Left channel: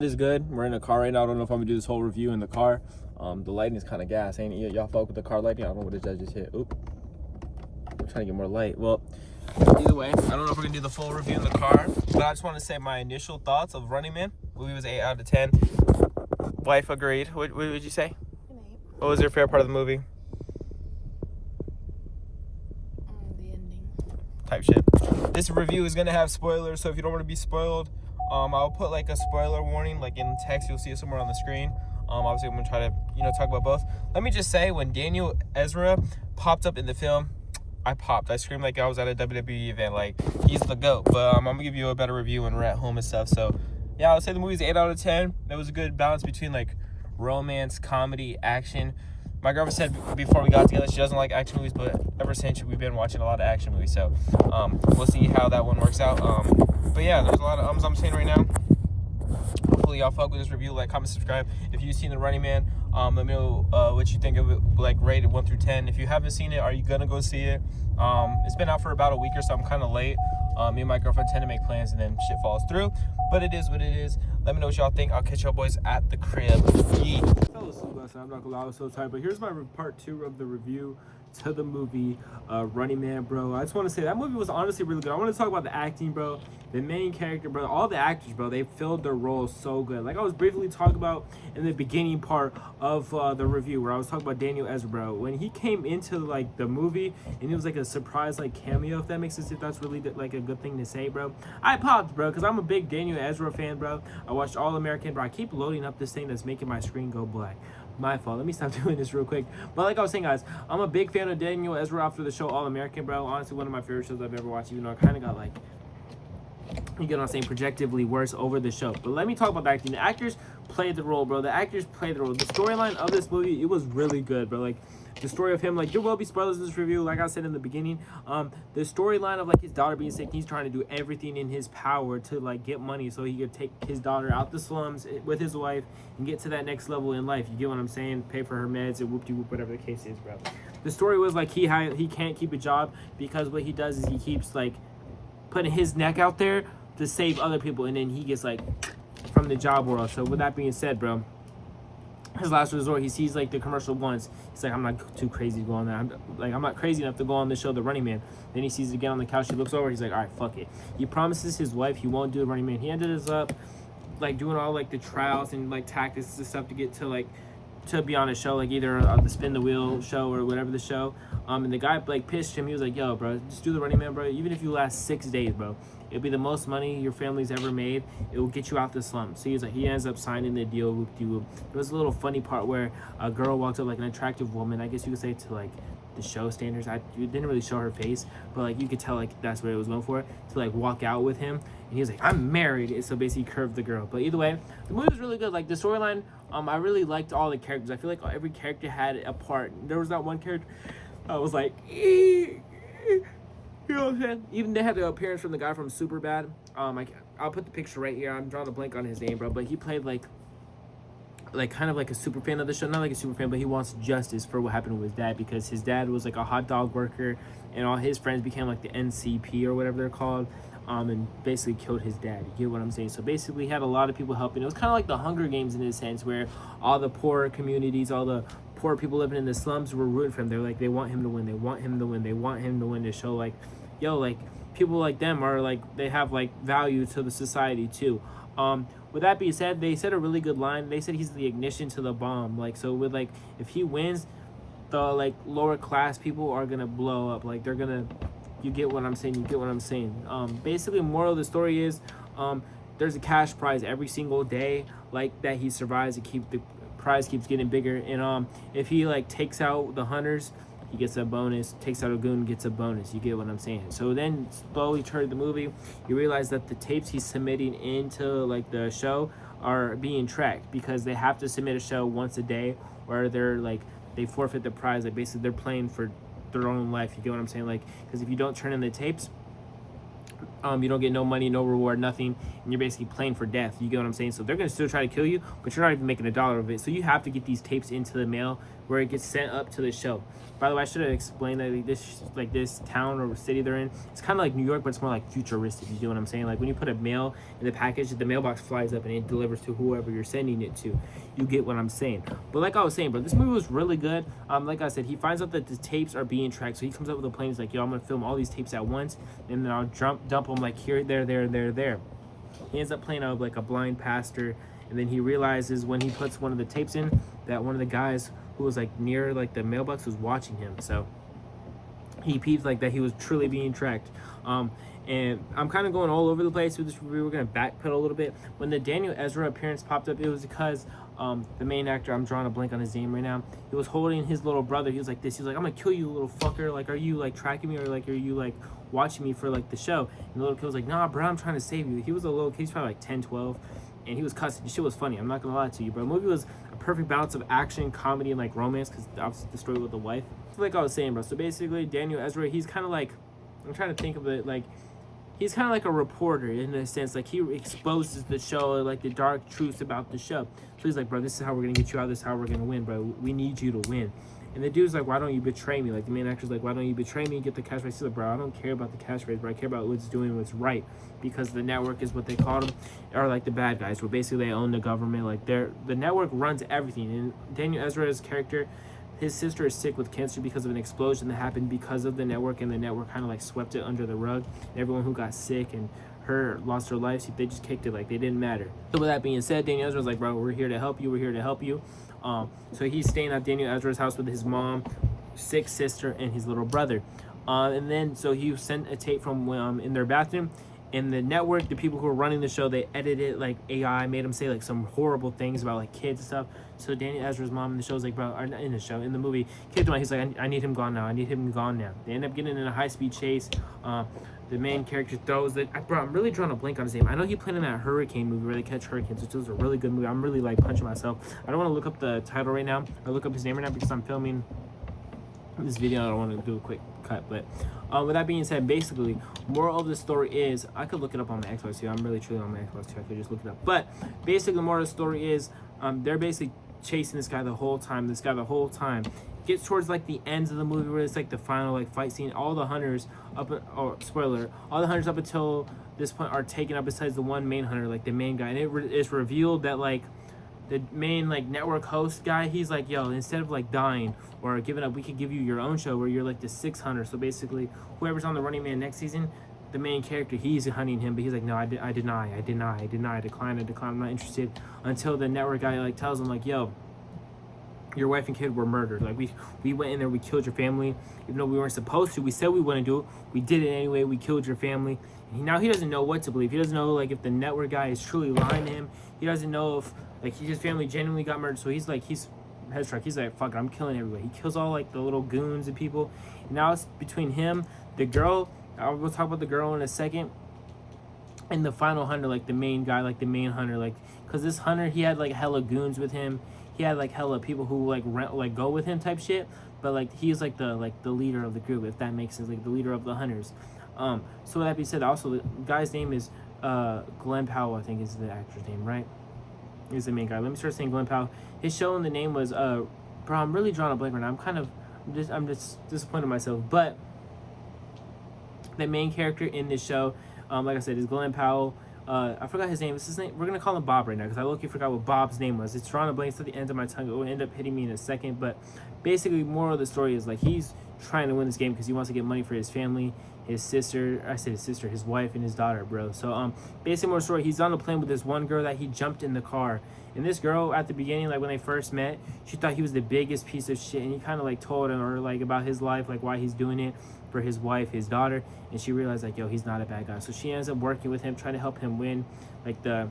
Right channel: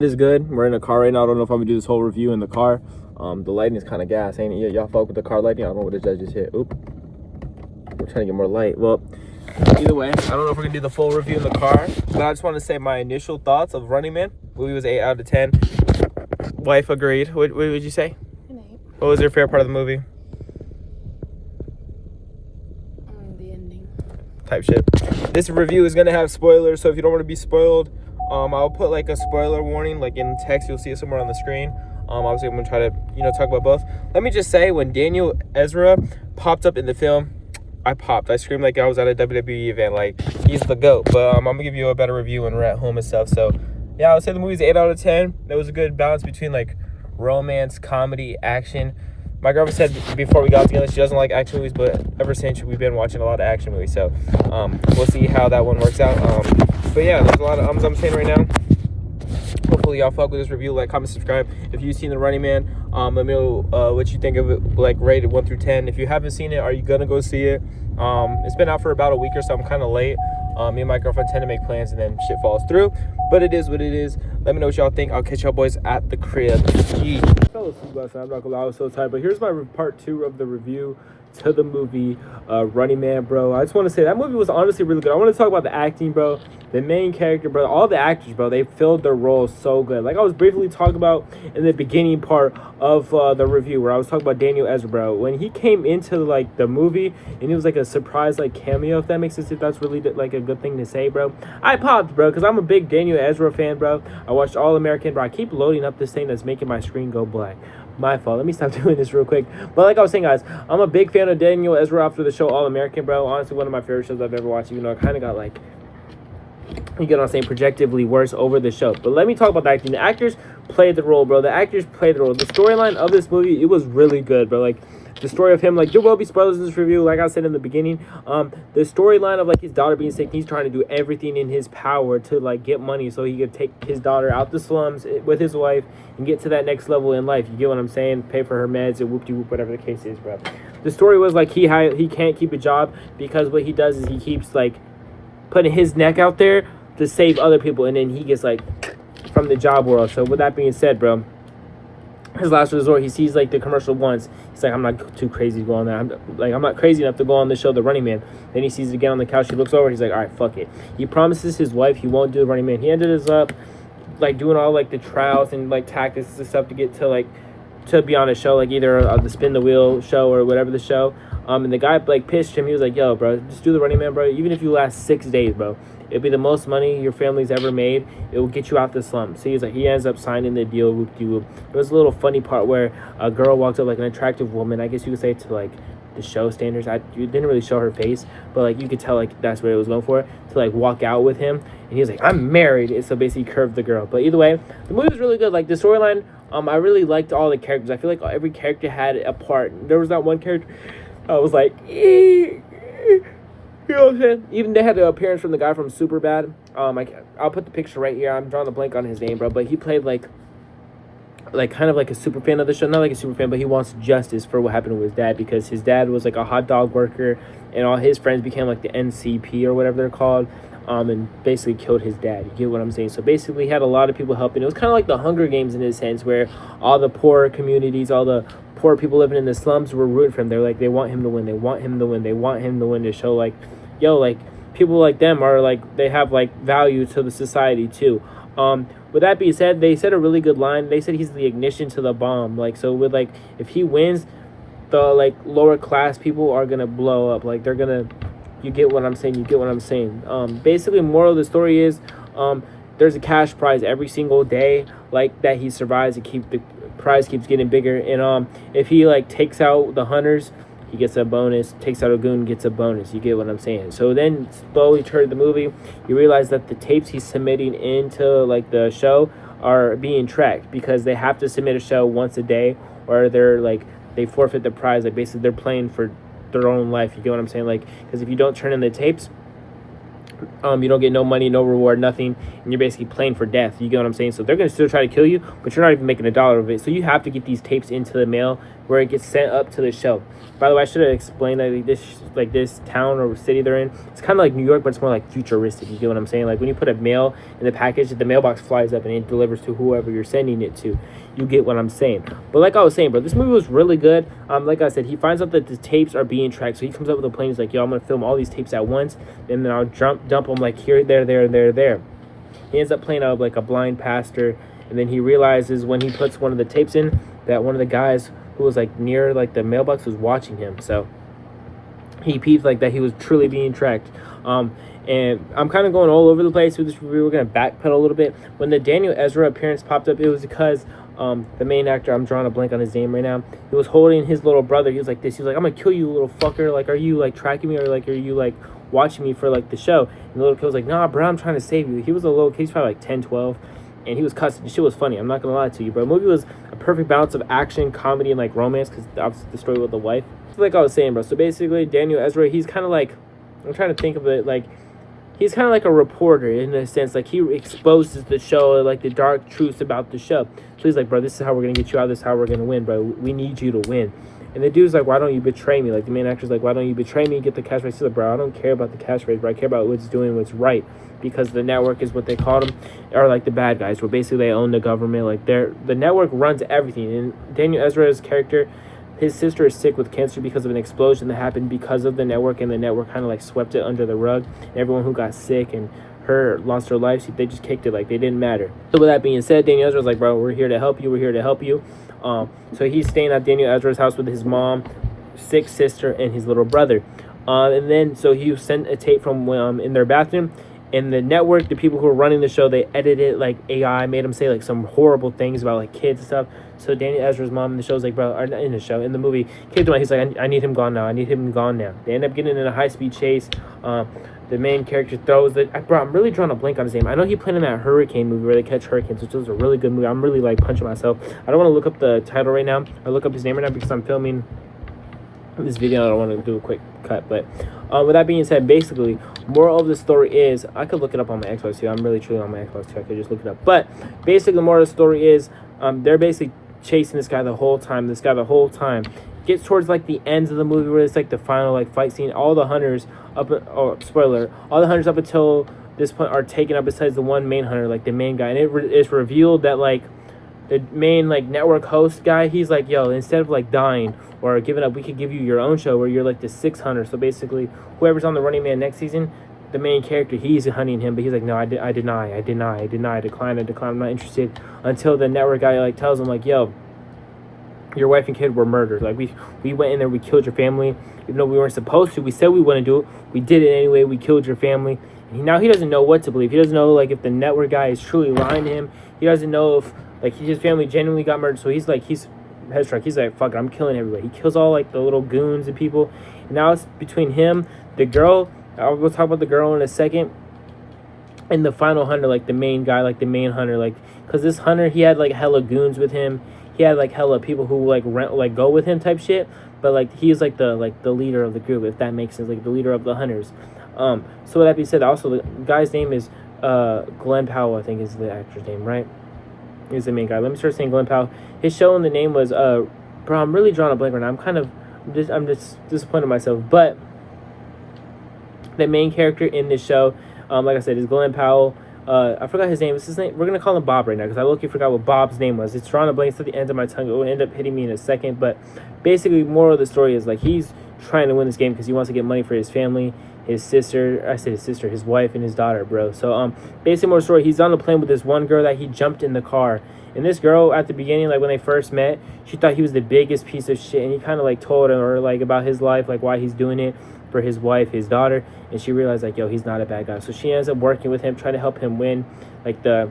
It is good. We're in a car right now. I don't know if I'm gonna do this whole review in the car. The lighting is kind of gas, ain't it? Y'all fuck with the car lighting? I don't know what the judge just hit. Oop. We're trying to get more light. Well, either way, I don't know if we're gonna do the full review in the car, but I just want to say my initial thoughts of Running Man. Movie was 8 out of 10. Wife agreed. What would you say? An 8. What was your favorite part of the movie? The ending. Type shit. This review is gonna have spoilers, so if you don't want to be spoiled, I'll put like a spoiler warning like in text. You'll see it somewhere on the screen. Obviously I'm gonna try to talk about both. Let me just say, when Daniel Ezra popped up in the film, I popped. I screamed like I was at a WWE event. Like, he's the GOAT. But I'm gonna give you a better review when we're at home and stuff. So yeah, I would say the movie's 8 out of 10. There was a good balance between like romance, comedy, action. My girlfriend said before we got together she doesn't like action movies, but ever since we've been watching a lot of action movies. So we'll see how that one works out. But yeah, there's a lot of I'm saying right now. Hopefully y'all fuck with this review. Like, comment, subscribe. If you've seen The Running Man, let me know what you think of it, like rated 1 through 10. If you haven't seen it, are you gonna go see it? It's been out for about a week or so. I'm kind of late. Me and my girlfriend tend to make plans and then shit falls through, but it is what it is. Let me know what y'all think. I'll catch y'all boys at the crib. I fell asleep last night. I'm not gonna lie, I was so tired. But here's my part 2 of the review to the movie Running Man, bro. I just want to say that movie was honestly really good. I want to talk about the acting, bro. The main character, bro. All the actors, bro. They filled their roles so good. Like I was briefly talking about in the beginning part of the review, where I was talking about Daniel Ezra, bro. When he came into like the movie and it was like a surprise like cameo, if that makes sense, if that's really like a good thing to say, bro. I popped, bro, because I'm a big Daniel Ezra fan, bro. I watched All American, bro. I keep loading up this thing that's making my screen go black. My fault. Let me stop doing this real quick. But like I was saying, guys, I'm a big fan of Daniel Ezra after the show All American, bro. Honestly, one of my favorite shows I've ever watched, even though I kind of got like, you get what I'm saying, projectively worse over the show. But let me talk about the acting. The actors played the role, bro. The actors played the role. The storyline of this movie, it was really good, bro. Like, the story of him, like, there will be spoilers in this review, like I said in the beginning. The storyline of like his daughter being sick, he's trying to do everything in his power to like get money so he could take his daughter out the slums with his wife and get to that next level in life. You get what I'm saying? Pay for her meds and whoop-de-whoop, whatever the case is, bro. The story was like he can't keep a job because what he does is he keeps like putting his neck out there to save other people, and then he gets like from the job world. So with that being said, bro, his last resort, he sees like the commercial once. He's like, I'm not too crazy to go on that. I'm not crazy enough to go on the show The Running Man. Then he sees it again on the couch. He looks over. He's like, all right, fuck it. He promises his wife he won't do The Running Man. He ended up like doing all like the trials and like tactics and stuff to get to like to be on a show, like either the Spin the Wheel show or whatever the show. And the guy like pitched him. He was like, yo, bro, just do The Running Man, bro. Even if you last 6 days, bro, it'll be the most money your family's ever made. It will get you out the slum. So he's like, he ends up signing the deal. Whoop-de-whoop. There was a little funny part where a girl walked up, like an attractive woman, I guess you could say, to like the show standards. You didn't really show her face, but like you could tell like that's what it was going for, to like walk out with him. And he was like, I'm married. And so basically curved the girl. But either way, the movie was really good. Like the storyline, I really liked all the characters. I feel like every character had a part. There was that one character I was like, you know what I'm saying? Even they had the appearance from the guy from Superbad. I'll put the picture right here. I'm drawing a blank on his name, bro. But he played like kind of like a super fan of the show. Not like a super fan, but he wants justice for what happened to his dad, because his dad was like a hot dog worker, and all his friends became like the NCP or whatever they're called. And basically killed his dad. You get what I'm saying? So basically he had a lot of people helping. It was kind of like the Hunger Games in a sense, where all the poor communities, all the poor people living in the slums were rooting for him. They're like, they want him to win. They want him to win. They want him to win, to show like, yo, like people like them are like, they have like value to the society too. With that being said, they said a really good line. They said he's the ignition to the bomb. Like, so with like, if he wins, the like lower class people are gonna blow up. Like they're gonna, you get what I'm saying? You get what I'm saying? Basically, moral of the story is, there's a cash prize every single day, like that he survives. The prize keeps getting bigger, and if he like takes out the hunters, he gets a bonus. Takes out a goon, gets a bonus. You get what I'm saying? So then, slowly toward the movie, you realize that the tapes he's submitting into like the show are being tracked, because they have to submit a show once a day, or they're like they forfeit the prize. Like basically, they're playing for their own life. You get what I'm saying? Like, because if you don't turn in the tapes, you don't get no money, no reward, nothing, and you're basically playing for death. You get what I'm saying? So they're gonna still try to kill you, but you're not even making $1 of it. So you have to get these tapes into the mail where it gets sent up to the show. By the way, I should have explained that this town or city they're in, it's kind of like New York, but it's more like futuristic. You get what I'm saying? Like when you put a mail in the package, the mailbox flies up and it delivers to whoever you're sending it to. You get what I'm saying? But like I was saying, bro, this movie was really good. Like I said, he finds out that the tapes are being tracked, so he comes up with a plan. He's like, yo, I'm gonna film all these tapes at once, and then I'll dump them like here, there. He ends up playing out like a blind pastor, and then he realizes when he puts one of the tapes in that one of the guys who was like near like the mailbox was watching him. So he peeped like that he was truly being tracked. And I'm kind of going all over the place with this review. We're gonna backpedal a little bit. When the Daniel Ezra appearance popped up, it was because the main actor, I'm drawing a blank on his name right now, he was holding his little brother. He was like this. He was like, I'm gonna kill you, little fucker. Like, are you like tracking me, or like are you like watching me for like the show? And the little kid was like, nah, bro, I'm trying to save you. He was a little kid. He's probably like 10, 12. And he was cussing. The shit was funny. I'm not gonna lie to you, bro. The movie was a perfect balance of action, comedy, and like romance, because obviously the story with the wife. Like I was saying, bro. So basically, Daniel Ezra, he's kind of like, I'm trying to think of it, like, he's kind of like a reporter in a sense. Like, he exposes the show, like the dark truths about the show. So he's like, bro, this is how we're gonna get you out. This is how we're gonna win, bro. We need you to win. And the dude's like, why don't you betray me? Like, the main actor's like, why don't you betray me and get the cash raise? He's like, bro, I don't care about the cash raise, bro. I care about what's doing what's right. Because the network is what they call them, are like the bad guys, where basically they own the government. Like, the network runs everything. And Daniel Ezra's character, his sister is sick with cancer because of an explosion that happened because of the network, and the network kind of like swept it under the rug. And everyone who got sick and her lost her life, they just kicked it like they didn't matter. So with that being said, Daniel Ezra's like, bro, we're here to help you. We're here to help you. So he's staying at Daniel Ezra's house with his mom, sick sister, and his little brother. And then so he sent a tape from in their bathroom. And the network, the people who were running the show, they edited like AI, made them say like some horrible things about like kids and stuff. So Daniel Ezra's mom in the show's like, bro, or in the show, in the movie, kicked him out. He's like, I need him gone now. I need him gone now. They end up getting in a high-speed chase. The main character throws the, bro, I'm really drawing a blank on his name. I know he played in that hurricane movie where they catch hurricanes, which was a really good movie. I'm really like punching myself. I don't want to look up the title right now or look up his name right now because I'm filming this video. I don't want to do a quick cut, but with that being said, basically, moral of the story is, I could look it up on my Xbox too. I'm really truly on my Xbox too. I could just look it up. But basically, the moral of the story is, they're basically chasing this guy the whole time. Gets towards like the ends of the movie where it's like the final like fight scene. All the hunters spoiler, all the hunters up until this point are taken up besides the one main hunter, like the main guy. And it's revealed that like the main like network host guy, he's like, yo, instead of like dying or giving up, we could give you your own show where you're like the sixth hunter. So basically, whoever's on the Running Man next season, the main character, he's hunting him, but he's like, no, I decline, I'm not interested. Until the network guy like tells him like, yo, your wife and kid were murdered. Like, we went in there, we killed your family, even though we weren't supposed to. We said we wouldn't do it, we did it anyway. We killed your family. And now he doesn't know what to believe. He doesn't know like if the network guy is truly lying to him. He doesn't know if like his family genuinely got murdered. So he's headstruck. He's like, fuck it, I'm killing everybody. He kills all like the little goons and people. And now it's between him, the girl, we'll talk about the girl in a second, and the final hunter, like the main guy, like the main hunter, like, because this hunter, he had like hella goons with him. He had like hella people who like go with him type shit. But like he's like the leader of the group, if that makes sense, like the leader of the hunters. So with that being said, also the guy's name is Glenn Powell, I think is the actor's name, right? He's the main guy. Let me start saying Glenn Powell. His show and the name was bro, I'm really drawing a blank right now. I'm just disappointed in myself. But the main character in this show, like I said, is Glenn Powell. I forgot his name. What's his name? We're gonna call him Bob right now because I low-key forgot what Bob's name was. It's drawing a blank at the end of my tongue. It will end up hitting me in a second. But basically, moral of the story is like he's trying to win this game because he wants to get money for his family, his sister. I said his sister, his wife, and his daughter, bro. So basically, more story. He's on the plane with this one girl that he jumped in the car. And this girl at the beginning, like when they first met, she thought he was the biggest piece of shit. And he kind of like told her like about his life, like why he's doing it for his wife, his daughter. And she realized like, yo, he's not a bad guy. So she ends up working with him, trying to help him win like the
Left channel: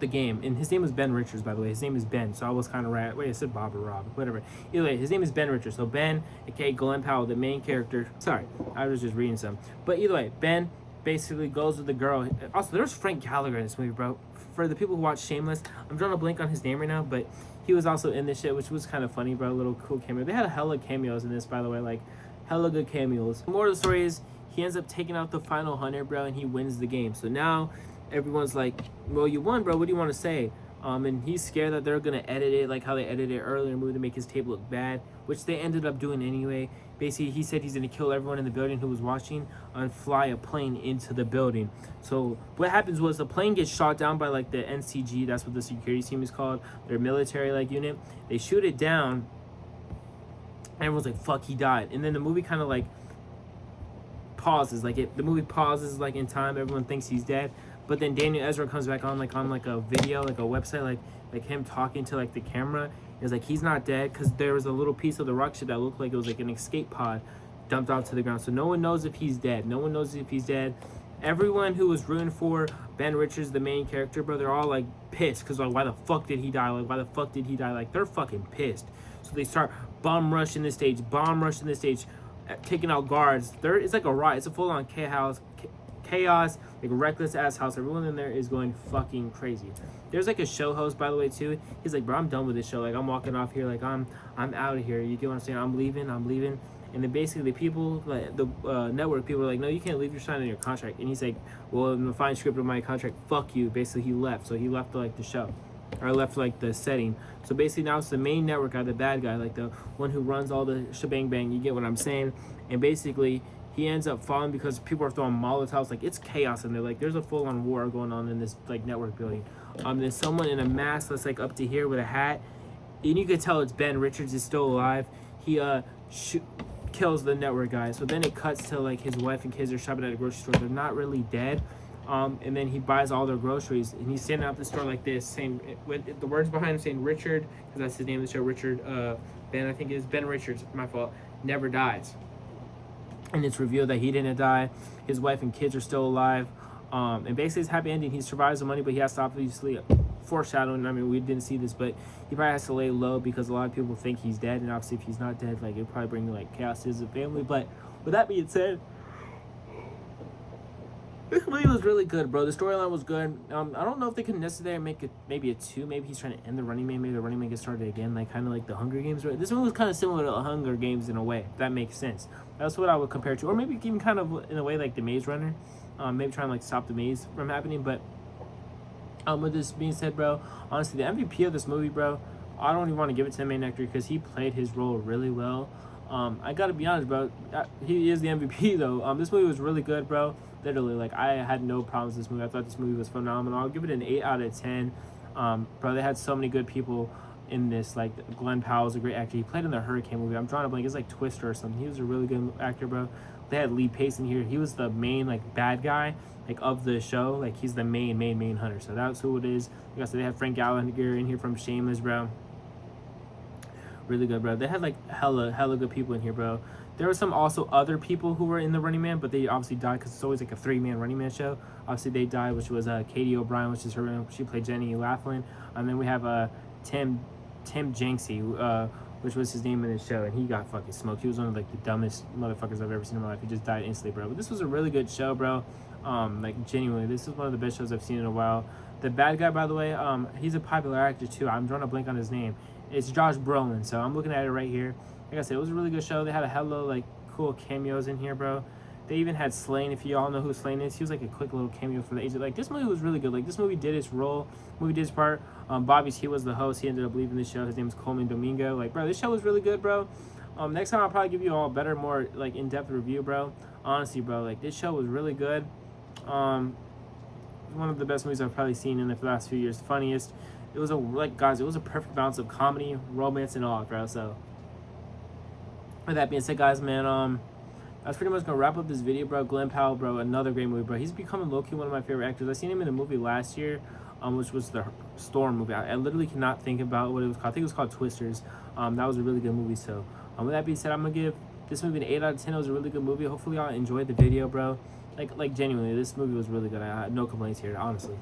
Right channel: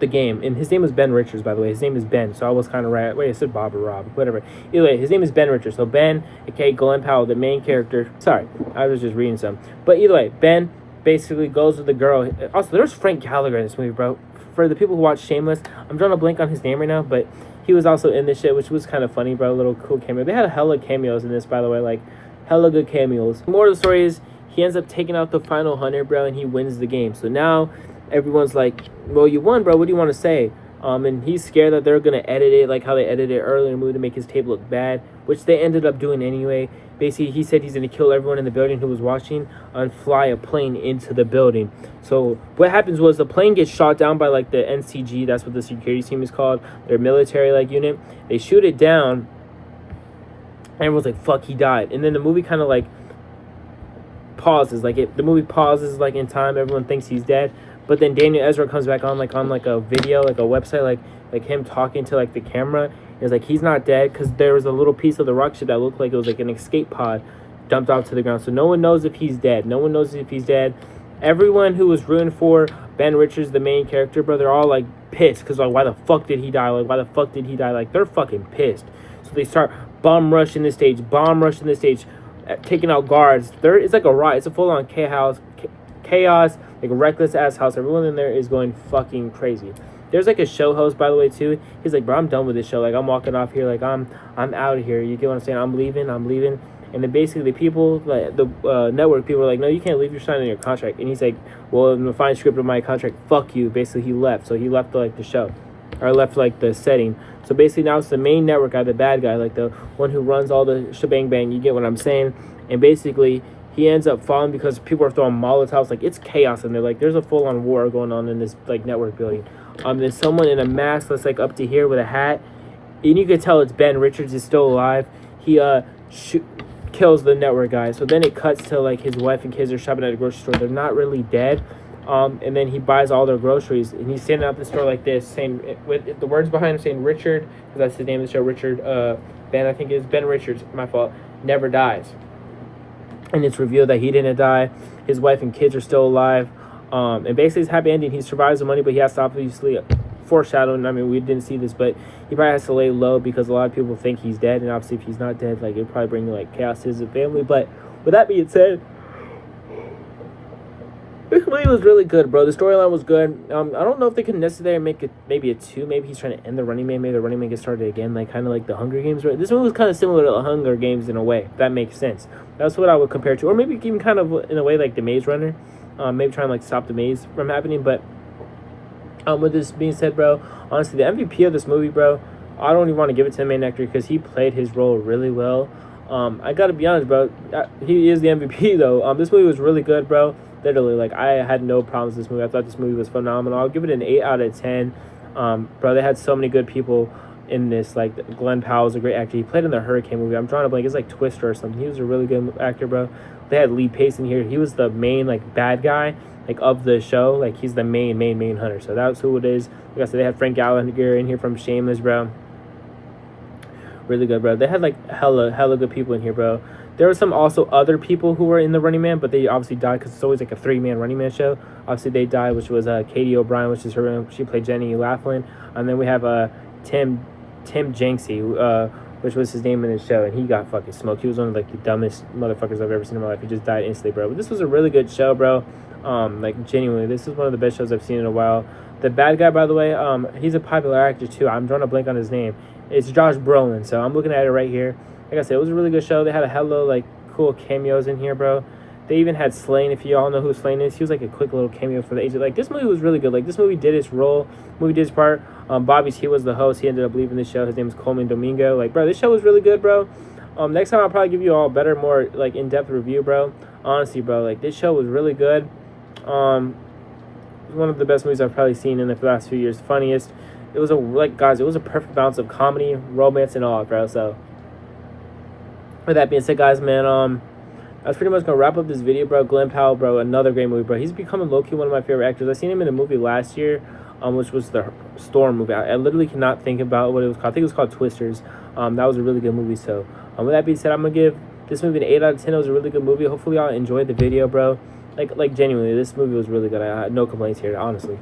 game. And his name was Ben Richards, by the way. His name is Ben. So I was kind of right. Wait, I said Bob or Rob, whatever. Either way, his name is Ben Richards. So Ben, aka Glenn Powell, the main character. Sorry, I was just reading some. But either way, Ben basically goes with the girl. Also, there's Frank Gallagher in this movie, bro. For the people who watch Shameless, I'm drawing a blank on his name right now, but he was also in this shit, which was kind of funny, bro. A little cool cameo. They had hella cameos in this, by the way, like hella good cameos. The moral of the story is he ends up taking out the final hunter, bro, and he wins the game. So now everyone's like, well, you won, bro. What do you want to say? And he's scared that they're gonna edit it like how they edited it earlier in the movie to make his tape look bad, which they ended up doing anyway. Basically, he said he's gonna kill everyone in the building who was watching and fly a plane into the building. So what happens was the plane gets shot down by like the NCG, that's what the security team is called, their military like unit. They shoot it down, and everyone's like, "Fuck, he died." And then the movie kind of like pauses, the movie pauses like in time. Everyone thinks he's dead. But then Daniel Ezra comes back on like a video, like a website, like him talking to like the camera. It's like he's not dead because there was a little piece of the rocket ship that looked like it was like an escape pod dumped off to the ground. So no one knows if he's dead. No one knows if he's dead. Everyone who was rooting for Ben Richards, the main character, bro, they're all like pissed because like why the fuck did he die? Like why the fuck did he die? Like they're fucking pissed. So they start bomb rushing the stage, taking out guards. It's like a riot. It's a full on chaos, like a reckless ass house. Everyone in there is going fucking crazy. There's like a show host, by the way, too. He's like, bro, I'm done with this show. Like I'm walking off here. Like I'm out of here. You get what I'm saying? I'm leaving. And then basically the people, like the network people, are like, no, you can't leave. You're signing your contract. And he's like, well, in the fine script of my contract, fuck you. Basically, he left. So he left like the show, or left like the setting. So basically now it's the main network guy, the bad guy, like the one who runs all the shebang bang. You get what I'm saying? And basically he ends up falling because people are throwing Molotovs. Like it's chaos in there. Like there's a full on war going on in this like network building. There's someone in a mask that's like up to here with a hat, and you could tell it's Ben Richards is still alive. He kills the network guy. So then it cuts to like his wife and kids are shopping at a grocery store. They're not really dead. And then he buys all their groceries, and he's standing at the store like this, saying with the words behind him saying Richard, because that's the name of the show. Richard, Ben, I think is Ben Richards. My fault. Never dies. And it's revealed that he didn't die. His wife and kids are still alive. And basically, it's a happy ending. He survives the money, but he has to obviously foreshadowing. I mean, we didn't see this, but he probably has to lay low because a lot of people think he's dead, and obviously, if he's not dead, like it'll probably bring like chaos to his family. But with that being said, this movie was really good, bro. The storyline was good. I don't know if they could necessarily make it maybe a 2. Maybe he's trying to end the Running Man. Maybe the Running Man gets started again, like kind of like the Hunger Games. Right? This movie was kind of similar to the Hunger Games in a way. If that makes sense. That's what I would compare it to, or maybe even kind of in a way like the Maze Runner. Maybe trying to like stop the maze from happening. But with this being said, bro, honestly, the MVP of this movie, bro, I don't even want to give it to the main actor because he played his role really well. I gotta be honest, bro. He is the MVP though. This movie was really good, bro. Literally, like I had no problems with this movie. I thought this movie was phenomenal. I'll give it an 8 out of 10. Bro, they had so many good people in this. Like Glenn Powell was a great actor. He played in the Hurricane movie. I'm drawing a blank. It's like Twister or something. He was a really good actor, bro. They had Lee Pace in here. He was the main like bad guy like of the show. Like he's the main hunter. So that's who it is. Like I said, they had Frank Gallagher in here from Shameless, bro. Really good, bro. They had like hella good people in here, bro. There were some also other people who were in the Running Man, but they obviously died because it's always like a 3-man Running Man show. Obviously they died, which was Katie O'Brien, which is her. She played Jenny Laughlin, and then we have Tim Jenksy, which was his name in the show, and he got fucking smoked. He was one of like the dumbest motherfuckers I've ever seen in my life. He just died instantly, bro. But this was a really good show, bro. Like genuinely, this is one of the best shows I've seen in a while. The bad guy, by the way, he's a popular actor too. I'm drawing a blank on his name. It's Josh Brolin. So I'm looking at it right here. Like I said, it was a really good show. They had a hella like cool cameos in here, bro. They even had Slaine. If you all know who Slaine is, he was like a quick little cameo for the age. Like this movie was really good. Like this movie did its role. Movie did its part. He was the host. He ended up leaving the show. His name is Coleman Domingo. Like bro, this show was really good, bro. Next time I'll probably give you all a better, more like in-depth review, bro. Honestly, bro, like this show was really good. One of the best movies I've probably seen in the last few years. Funniest. It was it was a perfect balance of comedy, romance, and all, bro. So with that being said, guys, man, that's pretty much gonna wrap up this video, bro. Glenn Powell, bro, another great movie, bro. He's becoming low-key one of my favorite actors. I seen him in a movie last year, which was the Storm movie. I literally cannot think about what it was called. I think it was called Twisters. That was a really good movie. So with that being said, I'm gonna give this movie an 8 out of 10. It was a really good movie. Hopefully y'all enjoyed the video, bro. Like genuinely, this movie was really good. I had no complaints here, honestly.